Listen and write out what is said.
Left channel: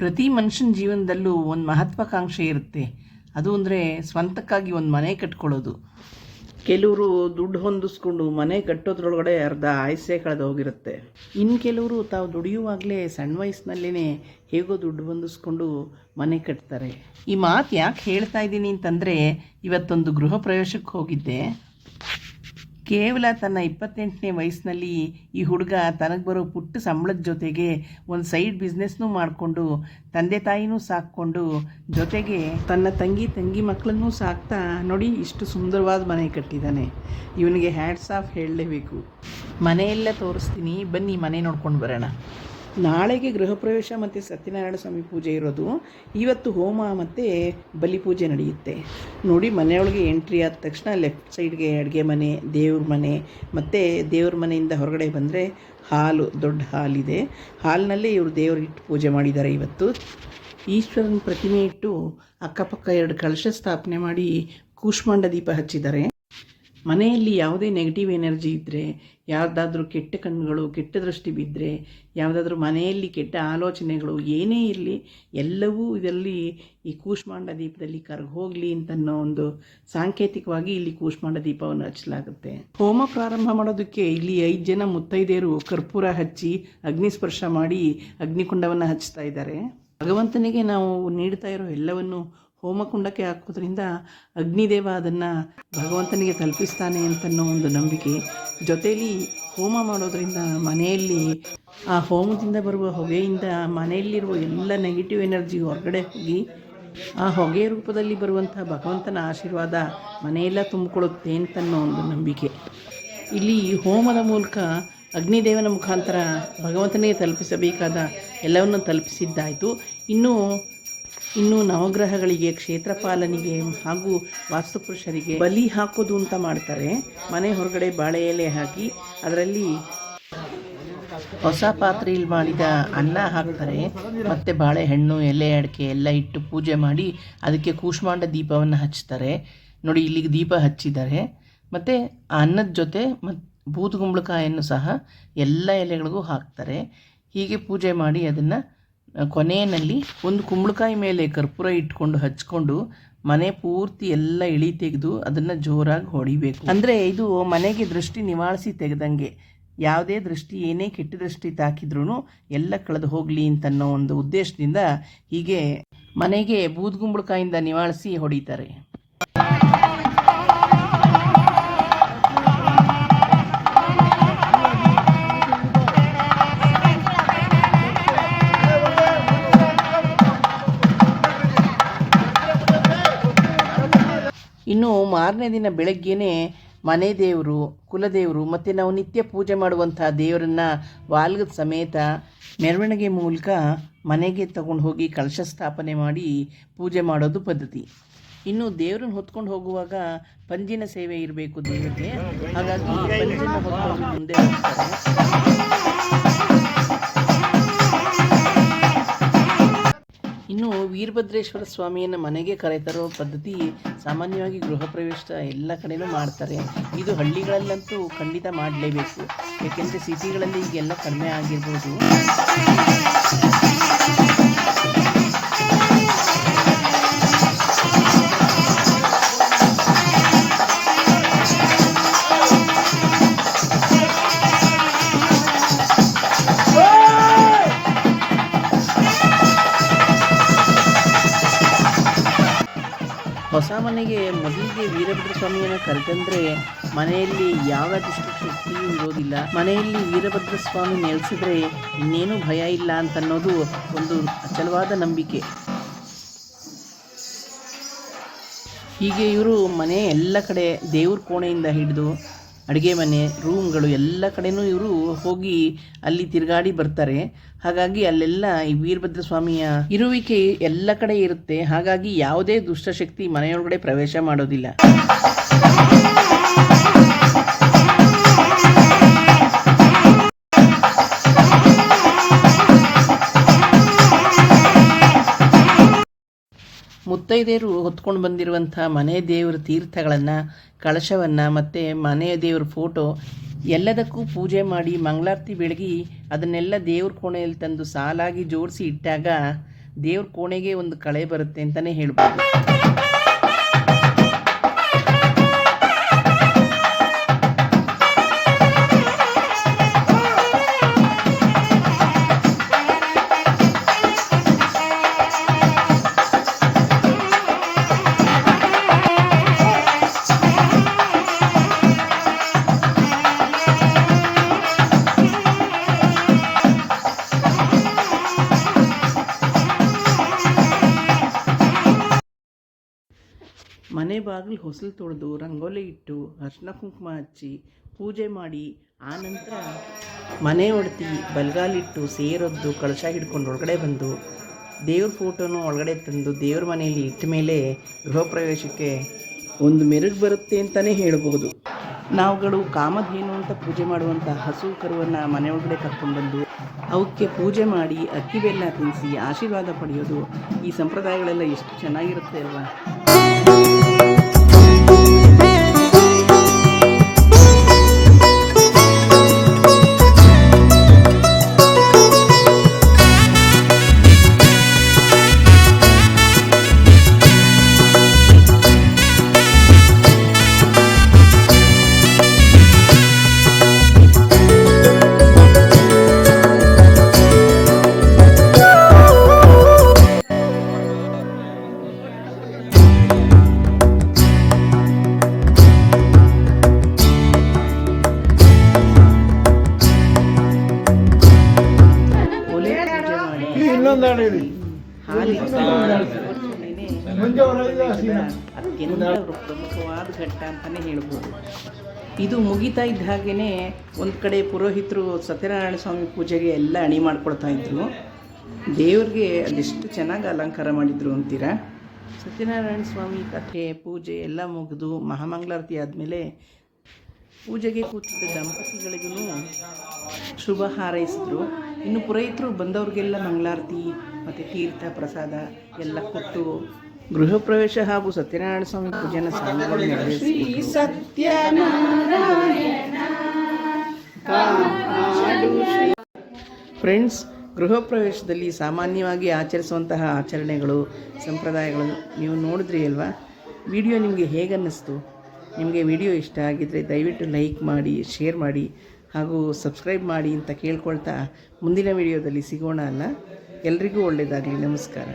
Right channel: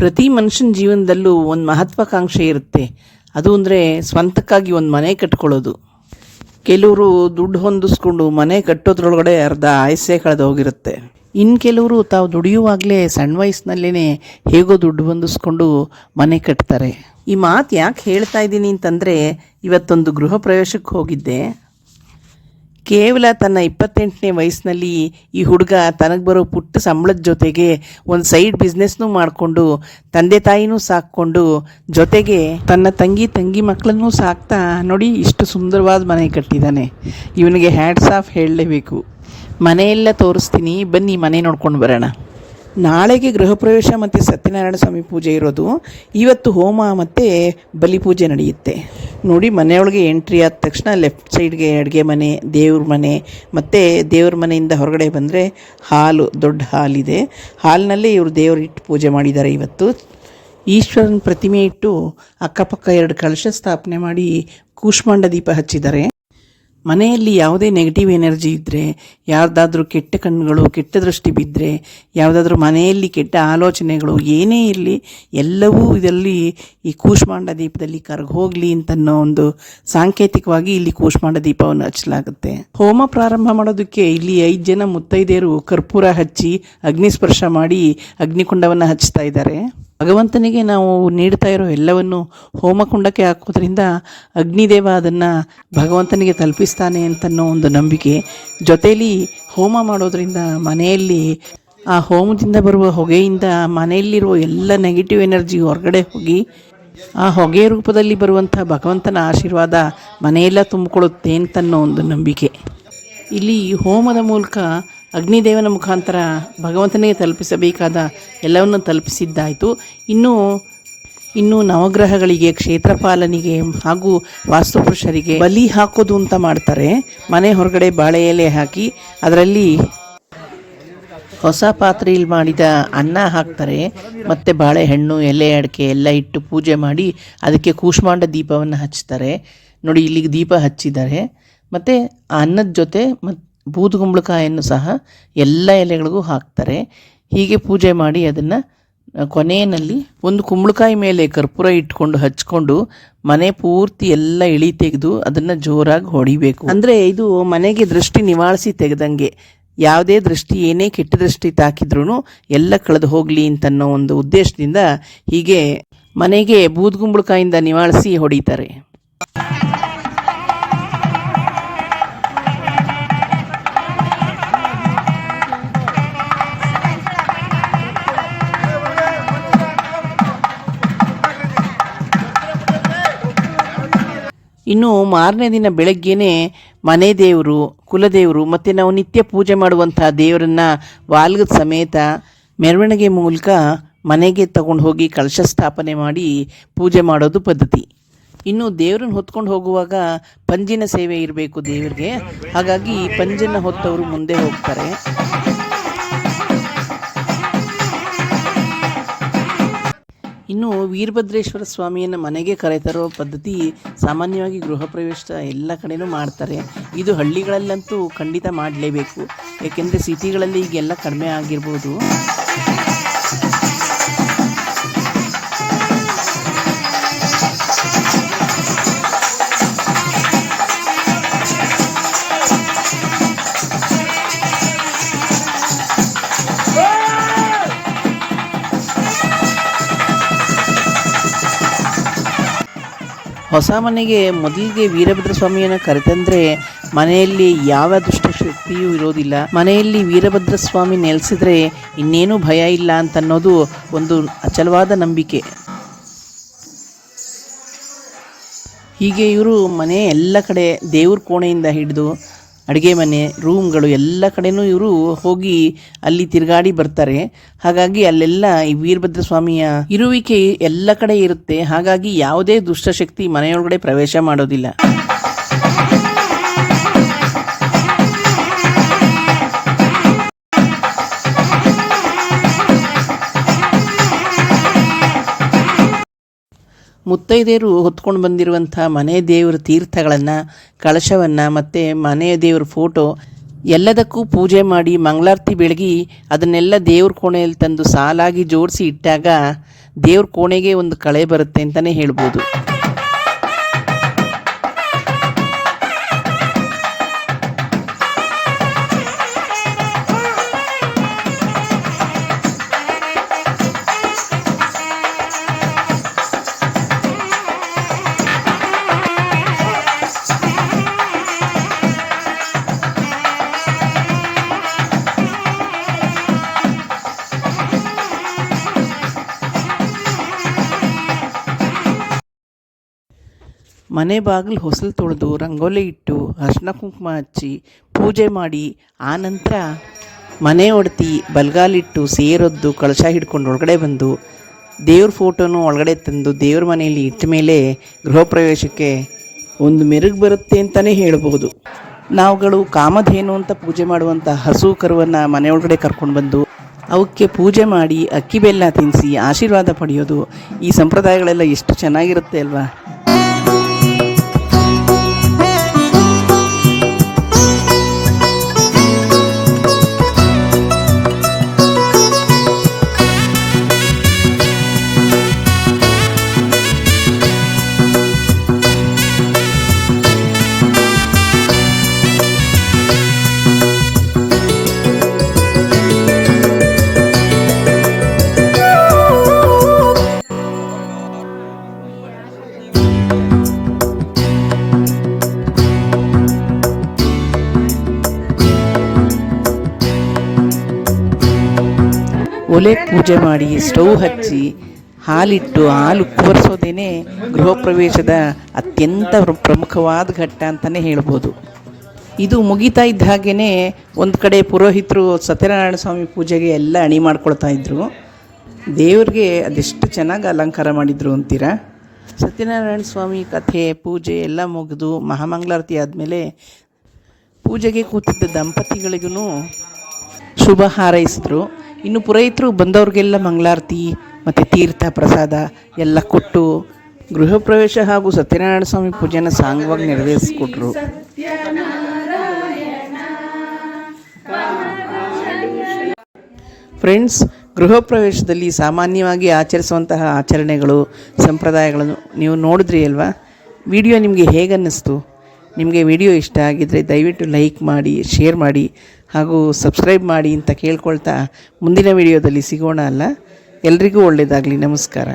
ಪ್ರತಿ ಮನುಷ್ಯನ ಜೀವನದಲ್ಲೂ ಒಂದು ಮಹತ್ವಾಕಾಂಕ್ಷೆ ಇರುತ್ತೆ. ಅದು ಅಂದರೆ ಸ್ವಂತಕ್ಕಾಗಿ ಒಂದು ಮನೆ ಕಟ್ಕೊಳ್ಳೋದು. ಕೆಲವರು ದುಡ್ಡು ಹೊಂದಿಸ್ಕೊಂಡು ಮನೆ ಕಟ್ಟೋದ್ರೊಳಗಡೆ ಅರ್ಧ ಆಯಸ್ಸೆ ಕಳೆದು ಹೋಗಿರುತ್ತೆ. ಇನ್ನು ಕೆಲವರು ತಾವು ದುಡಿಯುವಾಗಲೇ ಸಣ್ಣ ವಯಸ್ಸಿನಲ್ಲೇ ಹೇಗೋ ದುಡ್ಡು ಹೊಂದಿಸ್ಕೊಂಡು ಮನೆ ಕಟ್ತಾರೆ. ಈ ಮಾತು ಯಾಕೆ ಹೇಳ್ತಾ ಇದ್ದೀನಿ ಅಂತಂದರೆ, ಇವತ್ತೊಂದು ಗೃಹ ಪ್ರವೇಶಕ್ಕೆ ಹೋಗಿದ್ದೆ. ಕೇವಲ ತನ್ನ ಇಪ್ಪತ್ತೆಂಟನೇ ವಯಸ್ಸಿನಲ್ಲಿ ಈ ಹುಡುಗ ತನಗೆ ಬರೋ ಪುಟ್ಟ ಸಂಬಳದ ಜೊತೆಗೆ ಒಂದು ಸೈಡ್ ಬಿಸ್ನೆಸ್ನೂ ಮಾಡಿಕೊಂಡು, ತಂದೆ ತಾಯಿನೂ ಸಾಕ್ಕೊಂಡು, ಜೊತೆಗೆ ತನ್ನ ತಂಗಿ ತಂಗಿ ಮಕ್ಕಳನ್ನೂ ಸಾಕ್ತಾ ನೋಡಿ ಇಷ್ಟು ಸುಂದರವಾದ ಮನೆ ಕಟ್ಟಿದ್ದಾನೆ ಇವನಿಗೆ ಹ್ಯಾಟ್ಸ್ ಆಫ್ ಹೇಳಲೇಬೇಕು. ಮನೆಯೆಲ್ಲ ತೋರಿಸ್ತೀನಿ, ಬನ್ನಿ ಮನೆ ನೋಡ್ಕೊಂಡು ಬರೋಣ. ನಾಳೆಗೆ ಗೃಹ ಪ್ರವೇಶ ಮತ್ತು ಸತ್ಯನಾರಾಯಣ ಸ್ವಾಮಿ ಪೂಜೆ ಇರೋದು. ಇವತ್ತು ಹೋಮ ಮತ್ತು ಬಲಿ ಪೂಜೆ ನಡೆಯುತ್ತೆ. ನೋಡಿ ಮನೆಯೊಳಗೆ ಎಂಟ್ರಿ ಆದ ತಕ್ಷಣ ಲೆಫ್ಟ್ ಸೈಡ್ಗೆ ಅಡುಗೆ ಮನೆ, ದೇವ್ರ ಮನೆ, ಮತ್ತು ದೇವ್ರ ಮನೆಯಿಂದ ಹೊರಗಡೆ ಬಂದರೆ ಹಾಲು, ದೊಡ್ಡ ಹಾಲಿದೆ. ಹಾಲಿನಲ್ಲೇ ಇವರು ದೇವ್ರು ಇಟ್ಟು ಪೂಜೆ ಮಾಡಿದ್ದಾರೆ ಇವತ್ತು. ಈಶ್ವರನ ಪ್ರತಿಮೆ ಇಟ್ಟು ಅಕ್ಕಪಕ್ಕ ಎರಡು ಕಳಶ ಸ್ಥಾಪನೆ ಮಾಡಿ ಕೂಷ್ಮಾಂಡ ದೀಪ ಹಚ್ಚಿದ್ದಾರೆ. ಮನೆಯಲ್ಲಿ ಯಾವುದೇ ನೆಗೆಟಿವ್ ಎನರ್ಜಿ ಇದ್ದರೆ ಯಾವುದಾದ್ರೂ ಕೆಟ್ಟ ಕಣ್ಣುಗಳು, ಕೆಟ್ಟ ದೃಷ್ಟಿ ಬಿದ್ದರೆ ಯಾವುದಾದ್ರೂ ಮನೆಯಲ್ಲಿ ಕೆಟ್ಟ ಆಲೋಚನೆಗಳು ಏನೇ ಇರಲಿ, ಎಲ್ಲವೂ ಇದರಲ್ಲಿ ಈ ಕೂಷ್ಮಾಂಡ ದೀಪದಲ್ಲಿ ಕರಗಿ ಹೋಗಲಿ ಅಂತನ್ನೋ ಒಂದು ಸಾಂಕೇತಿಕವಾಗಿ ಇಲ್ಲಿ ಕೂಷ್ಮಾಂಡ ದೀಪವನ್ನು ಹಚ್ಚಲಾಗುತ್ತೆ. ಹೋಮ ಪ್ರಾರಂಭ ಮಾಡೋದಕ್ಕೆ ಇಲ್ಲಿ ಐದು ಜನ ಮುತ್ತೈದೆಯರು ಕರ್ಪೂರ ಹಚ್ಚಿ ಅಗ್ನಿಸ್ಪರ್ಶ ಮಾಡಿ ಅಗ್ನಿಕುಂಡವನ್ನು ಹಚ್ತಾ ಇದ್ದಾರೆ. ಭಗವಂತನಿಗೆ ನಾವು ನೀಡ್ತಾ ಇರೋ ಎಲ್ಲವನ್ನು ಹೋಮಕುಂಡಕ್ಕೆ ಹಾಕೋದ್ರಿಂದ ಅಗ್ನಿದೇವ ಅದನ್ನು ಭಗವಂತನಿಗೆ ತಲುಪಿಸ್ತಾನೆ ಅಂತನ್ನೋ ಒಂದು ನಂಬಿಕೆ ಜೊತೆಯಲ್ಲಿ ಹೋಮ ಮಾಡೋದ್ರಿಂದ ಮನೆಯಲ್ಲಿ ಆ ಹೋಮದಿಂದ ಬರುವ ಹೊಗೆಯಿಂದ ಮನೆಯಲ್ಲಿರುವ ಎಲ್ಲ ನೆಗೆಟಿವ್ ಎನರ್ಜಿ ಹೊರಗಡೆ ಹೋಗಿ ಆ ಹೊಗೆ ರೂಪದಲ್ಲಿ ಬರುವಂಥ ಭಗವಂತನ ಆಶೀರ್ವಾದ ಮನೆಯೆಲ್ಲ ತುಂಬಿಕೊಳ್ಳುತ್ತೆ ಅಂತನ್ನೋ ಒಂದು ನಂಬಿಕೆ. ಇಲ್ಲಿ ಹೋಮದ ಮೂಲಕ ಅಗ್ನಿದೇವನ ಮುಖಾಂತರ ಭಗವಂತನಿಗೆ ತಲುಪಿಸಬೇಕಾದ ಎಲ್ಲವನ್ನು ತಲುಪಿಸಿದ್ದಾಯಿತು. ಇನ್ನು ಇನ್ನು ನವಗ್ರಹಗಳಿಗೆ, ಕ್ಷೇತ್ರಪಾಲನಿಗೆ ಹಾಗೂ ವಾಸ್ತುಪುರುಷರಿಗೆ ಬಲಿ ಹಾಕೋದು ಅಂತ ಮಾಡ್ತಾರೆ. ಮನೆ ಹೊರಗಡೆ ಬಾಳೆ ಎಲೆ ಹಾಕಿ ಅದರಲ್ಲಿ ಹೊಸ ಪಾತ್ರೆಯಲ್ಲಿ ಮಾಡಿದ ಅನ್ನ ಹಾಕ್ತಾರೆ. ಮತ್ತು ಬಾಳೆಹಣ್ಣು, ಎಲೆ ಅಡಿಕೆ ಎಲ್ಲ ಇಟ್ಟು ಪೂಜೆ ಮಾಡಿ ಅದಕ್ಕೆ ಕೂಷ್ಮಾಂಡ ದೀಪವನ್ನು ಹಚ್ತಾರೆ. ನೋಡಿ, ಇಲ್ಲಿಗೆ ದೀಪ ಹಚ್ಚಿದ್ದಾರೆ. ಮತ್ತು ಅನ್ನದ ಜೊತೆ ಮತ್ತು ಬೂದುಗುಂಬಳಕಾಯನ್ನು ಸಹ ಎಲ್ಲ ಎಲೆಗಳಿಗೂ ಹಾಕ್ತಾರೆ. ಹೀಗೆ ಪೂಜೆ ಮಾಡಿ ಅದನ್ನು ಕೊನೆಯಲ್ಲಿ ಒಂದು ಕುಂಬಳಕಾಯಿ ಮೇಲೆ ಕರ್ಪೂರ ಇಟ್ಕೊಂಡು ಹಚ್ಕೊಂಡು ಮನೆ ಪೂರ್ತಿ ಎಲ್ಲ ಇಳಿ ತೆಗೆದು ಅದನ್ನು ಜೋರಾಗಿ ಹೊಡಿಬೇಕು. ಅಂದರೆ ಇದು ಮನೆಗೆ ದೃಷ್ಟಿ ನಿವಾಳಿಸಿ ತೆಗೆದಂಗೆ ಯಾವುದೇ ದೃಷ್ಟಿ, ಏನೇ ಕೆಟ್ಟ ದೃಷ್ಟಿ ತಾಕಿದ್ರೂ ಎಲ್ಲ ಕಳೆದು ಹೋಗಲಿ ಅಂತನ್ನೋ ಒಂದು ಉದ್ದೇಶದಿಂದ ಹೀಗೆ ಮನೆಗೆ ಬೂದ್ಗುಂಬಳಕಾಯಿಂದ ನಿವಾಳಿಸಿ ಹೊಡಿತಾರೆ. ಇನ್ನು ಮಾರನೇ ದಿನ ಬೆಳಗ್ಗೆನೇ ಮನೆ ದೇವರು, ಕುಲದೇವರು ಮತ್ತು ನಾವು ನಿತ್ಯ ಪೂಜೆ ಮಾಡುವಂಥ ದೇವರನ್ನ ವಾಲ್ಗದ ಸಮೇತ ಮೆರವಣಿಗೆ ಮೂಲಕ ಮನೆಗೆ ತಗೊಂಡು ಹೋಗಿ ಕಳಶ ಸ್ಥಾಪನೆ ಮಾಡಿ ಪೂಜೆ ಮಾಡೋದು ಪದ್ಧತಿ. ಇನ್ನು ದೇವರನ್ನು ಹೊತ್ಕೊಂಡು ಹೋಗುವಾಗ ಪಂಜಿನ ಸೇವೆ ಇರಬೇಕು ದೇವರಿಗೆ. ಹಾಗಾಗಿ ಪಂಜಿನ ಹೊತ್ತವರು ಮುಂದೆ ಹೋಗ್ತಾರೆ. ಇನ್ನು ವೀರಭದ್ರೇಶ್ವರ ಸ್ವಾಮಿಯನ್ನು ಮನೆಗೆ ಕರೆತರೋ ಪದ್ಧತಿ ಸಾಮಾನ್ಯವಾಗಿ ಗೃಹ ಪ್ರವೇಶ ಎಲ್ಲ ಕಡೆಯೂ ಮಾಡ್ತಾರೆ. ಇದು ಹಳ್ಳಿಗಳಲ್ಲಂತೂ ಖಂಡಿತ ಮಾಡಲೇಬೇಕು. ಏಕೆಂದರೆ ಸಿಟಿಗಳಲ್ಲಿ ಈಗೆಲ್ಲ ಕಡಿಮೆ ಆಗಿರ್ಬೋದು. ಹೊಸ ಮನೆಗೆ ಮೊದಲಿಗೆ ವೀರಭದ್ರ ಸ್ವಾಮಿಯನ್ನು ಕರೆತಂದ್ರೆ ಮನೆಯಲ್ಲಿ ಯಾವ ದುಷ್ಟಶಕ್ತಿಯೂ ಇರೋದಿಲ್ಲ. ಮನೆಯಲ್ಲಿ ವೀರಭದ್ರ ಸ್ವಾಮಿ ನೆಲೆಸಿದ್ರೆ ಇನ್ನೇನು ಭಯ ಇಲ್ಲ ಅಂತನ್ನೋದು ಒಂದು ಅಚಲವಾದ ನಂಬಿಕೆ. ಹೀಗೆ ಇವರು ಮನೆ ಎಲ್ಲ ಕಡೆ ದೇವ್ರ ಕೋಣೆಯಿಂದ ಹಿಡಿದು ಅಡುಗೆ ಮನೆ ರೂಮ್ಗಳು ಎಲ್ಲ ಕಡೆನೂ ಇವರು ಹೋಗಿ ಅಲ್ಲಿ ತಿರುಗಾಡಿ ಬರ್ತಾರೆ. ಹಾಗಾಗಿ ಅಲ್ಲೆಲ್ಲ ಈ ವೀರಭದ್ರ ಸ್ವಾಮಿಯ ಇರುವಿಕೆ ಎಲ್ಲ ಕಡೆ ಇರುತ್ತೆ. ಹಾಗಾಗಿ ಯಾವುದೇ ದುಷ್ಟಶಕ್ತಿ ಮನೆಯೊಳಗಡೆ ಪ್ರವೇಶ ಮಾಡೋದಿಲ್ಲ. ಮುತ್ತೈದೆಯರು ಹೊತ್ಕೊಂಡು ಬಂದಿರುವಂಥ ಮನೆ ದೇವರ ತೀರ್ಥಗಳನ್ನು, ಕಳಶವನ್ನು ಮತ್ತು ಮನೆಯ ದೇವರ ಫೋಟೋ ಎಲ್ಲದಕ್ಕೂ ಪೂಜೆ ಮಾಡಿ ಮಂಗಳಾರತಿ ಬೆಳಗಿ ಅದನ್ನೆಲ್ಲ ದೇವ್ರ ಕೋಣೆಯಲ್ಲಿ ತಂದು ಸಾಲಾಗಿ ಜೋಡಿಸಿ ಇಟ್ಟಾಗ ದೇವ್ರ ಕೋಣೆಗೆ ಒಂದು ಕಳೆ ಬರುತ್ತೆ ಅಂತಲೇ ಹೇಳ್ಬೋದು. ಮನೆ ಬಾಗಿಲು ಹೊಸಲು ತೊಳೆದು ರಂಗೋಲಿ ಇಟ್ಟು ಅರ್ಶಿನ ಕುಂಕುಮ ಹಚ್ಚಿ ಪೂಜೆ ಮಾಡಿ ಆನಂತರ ಮನೆ ಒಡ್ತಿ ಬಲ್ಗಾಲಿಟ್ಟು ಸೇರೊದ್ದು ಕಳಶ ಹಿಡ್ಕೊಂಡು ಒಳಗಡೆ ಬಂದು ದೇವ್ರ ಫೋಟೋನು ಒಳಗಡೆ ತಂದು ದೇವ್ರ ಮನೆಯಲ್ಲಿ ಇಟ್ಟ ಮೇಲೆ ಗೃಹ ಪ್ರವೇಶಕ್ಕೆ ಒಂದು ಮೆರುಗು ಬರುತ್ತೆ ಅಂತಲೇ ಹೇಳ್ಬೋದು ನಾವುಗಳು ಕಾಮಧೇನು ಅಂತ ಪೂಜೆ ಮಾಡುವಂಥ ಹಸು ಕರುವನ್ನು ಮನೆ ಒಳಗಡೆ ಕರ್ಕೊಂಡು ಬಂದು ಅವಕ್ಕೆ ಪೂಜೆ ಮಾಡಿ ಅಕ್ಕಿ ಬೆಲ್ಲ ತಿನ್ನಿಸಿ ಆಶೀರ್ವಾದ ಪಡೆಯೋದು ಈ ಸಂಪ್ರದಾಯಗಳೆಲ್ಲ ಎಷ್ಟು ಚೆನ್ನಾಗಿರುತ್ತೆ ಅಲ್ವಾ? ಒಲೆ ಪೂಜೆ ಮಾಡಿ ಸ್ಟವ್ ಹಚ್ಚಿ ಹಾಲಿಟ್ಟು ಹಾಲು ಕೂರಿಸೋದೇನೆ ಗೃಹ ಪ್ರವೇಶದ ಅತ್ಯಂತ ಪ್ರಮುಖವಾದ ಘಟ್ಟ ಅಂತಲೇ ಹೇಳ್ಬೋದು. ಇದು ಮುಗಿತಾ ಇದ್ದ ಹಾಗೇ ಒಂದು ಕಡೆ ಪುರೋಹಿತರು ಸತ್ಯನಾರಾಯಣ ಸ್ವಾಮಿ ಪೂಜೆಗೆ ಎಲ್ಲ ಅಣಿ ಮಾಡ್ಕೊಳ್ತಾ ಇದ್ದರು ದೇವ್ರಿಗೆ ಅದೆಷ್ಟು ಚೆನ್ನಾಗಿ ಅಲಂಕಾರ ಮಾಡಿದ್ರು ಅಂತೀರಾ? ಸತ್ಯನಾರಾಯಣ ಸ್ವಾಮಿ ಕಥೆ, ಪೂಜೆ ಎಲ್ಲ ಮುಗಿದು ಮಹಾಮಂಗಳಾರತಿ ಆದಮೇಲೆ ಪೂಜೆಗೆ ಕೂತಿದ್ದ ದಂಪತಿಗಳಿಗೂ ಶುಭ ಹಾರೈಸಿದ್ರು. ಇನ್ನು ಪುರೋಹಿತರು ಬಂದವ್ರಿಗೆಲ್ಲ ಮಂಗಳಾರತಿ ಮತ್ತು ತೀರ್ಥ ಪ್ರಸಾದ ಎಲ್ಲ ಕೊಟ್ಟು ಗೃಹ ಪ್ರವೇಶ ಹಾಗೂ ಸತ್ಯನಾರಾಯಣ ಸ್ವಾಮಿ ಪೂಜೆನ ಸಾಂಗವಾಗಿ ನೆರವೇರಿಸಿಕೊಟ್ರು. ಫ್ರೆಂಡ್ಸ್ ಗೃಹ ಪ್ರವೇಶದಲ್ಲಿ ಸಾಮಾನ್ಯವಾಗಿ ಆಚರಿಸುವಂತಹ ಆಚರಣೆಗಳು ಸಂಪ್ರದಾಯಗಳನ್ನು ನೀವು ನೋಡಿದ್ರಿ ಅಲ್ವಾ? ವಿಡಿಯೋ ನಿಮಗೆ ಹೇಗೆ ಅನ್ನಿಸ್ತು ನಿಮಗೆ ವಿಡಿಯೋ ಇಷ್ಟ ಆಗಿದ್ದರೆ ದಯವಿಟ್ಟು ಲೈಕ್ ಮಾಡಿ ಶೇರ್ ಮಾಡಿ. ಹಾಗೂ ಸಬ್ಸ್ಕ್ರೈಬ್ ಮಾಡಿ ಅಂತ ಕೇಳ್ಕೊಳ್ತಾ ಮುಂದಿನ ವಿಡಿಯೋದಲ್ಲಿ ಸಿಗೋಣ ಅಲ್ಲ? ಎಲ್ರಿಗೂ ಒಳ್ಳೆಯದಾಗಲಿ ನಮಸ್ಕಾರ.